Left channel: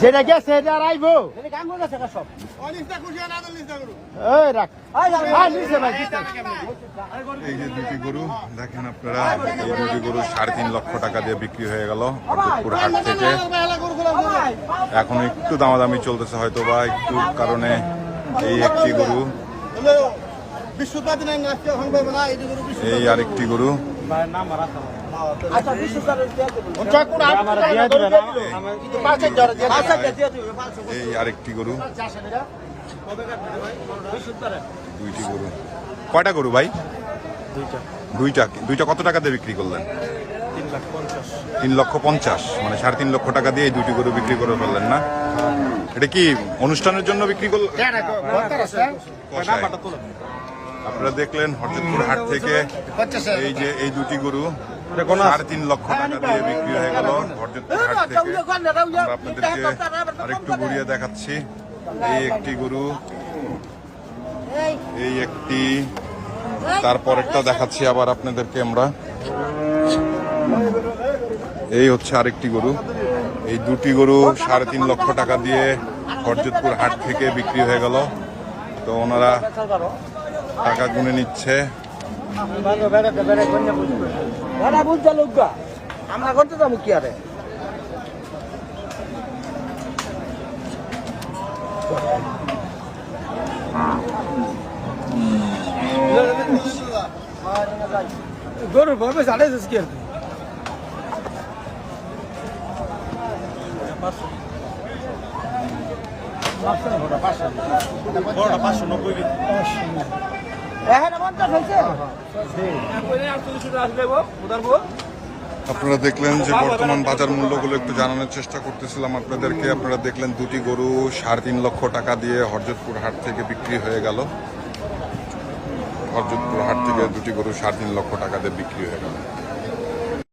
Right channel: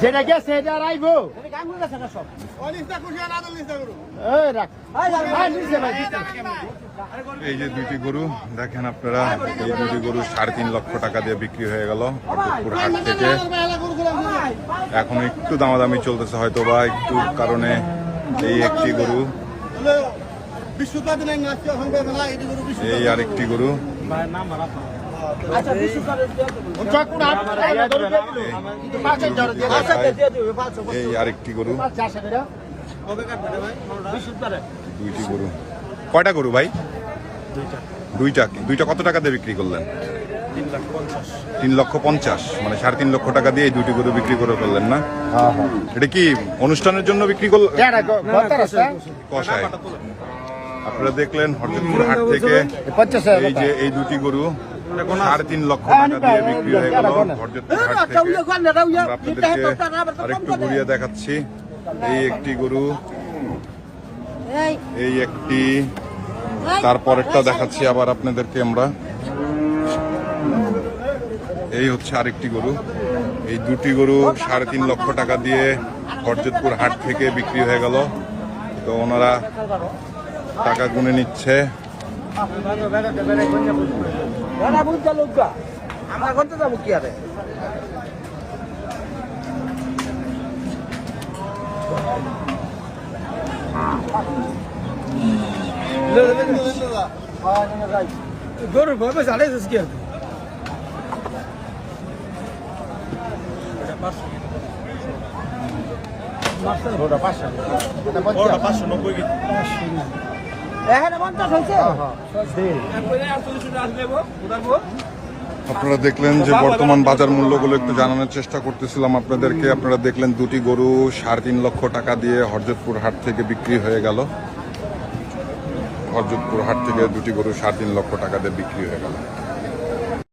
যেটা গেছে এটা আর আইবো। এই যে দুটি গরু দেখেন আপনারা এই দুটি গরু সাড়ে তিন লক্ষ টাকা দিয়ে বিক্রি হয়ে গেল হরদপুর হাট থেকে। এখন একটু দামাদামি চলতেছে হয়তো বা একটু কারণে এই একটি গরু। এই আরেকটি গরু। এই আরেকটি গরু। দুইটি গরু। কয়টা গরু ভাই? দুইটা। দুইটা কত টাকা দিয়ে বিক্রি করলেন? তিন লক্ষ পঞ্চাশ। মানে সাড়ে তিন লক্ষ টাকা দিয়ে এই দুটি গরু বিক্রি করে ফেললেন না? এটা কি অনুষ্ঠানের জন্য বিক্রি করলেন কষায় আপনারা দেখলেন হরজতপুর হাট থেকে এই যে এই দুটি গরু। সাড়ে তিন লক্ষ টাকা দিয়ে বিক্রি হয়ে গেল হরজতপুর হাট থেকে। আমরা আপনাদেরকে আরেকটু ঘুরিয়ে দেখাচ্ছি। এই একটি গরু, এই একটি, তারপরেরটা দেখাচ্ছি আবার আপনাদেরকে আমরা। এই হচ্ছে আরেকটি গরু। এই দুটি গরু সাড়ে তিন লক্ষ টাকা দিয়ে হরজতপুর হাট থেকে বিক্রি হয়ে গেল। তো ওনারা টাকা গুনে নিচ্ছে। আমরা করতে যাব কি আরে? গরুর বড় চালাই যাচ্ছে কি আর? এখানে পঞ্চাশ হয়েছে আপনারা দেখলেন যে বর্তমান বাজার মূল্যগুলো একটু জানানোর চেষ্টা করতেছিলাম আপনাদেরকে। আপনারা দেখলেন দুটি গরু সাড়ে তিন লক্ষ টাকা দিয়ে হরজতপুর হাট থেকে বিক্রি হয়ে গেল। হরজতপুর হাট থেকে দুটি গরু সাড়ে তিন লক্ষ টাকা দিয়ে বিক্রি হয়ে গেল।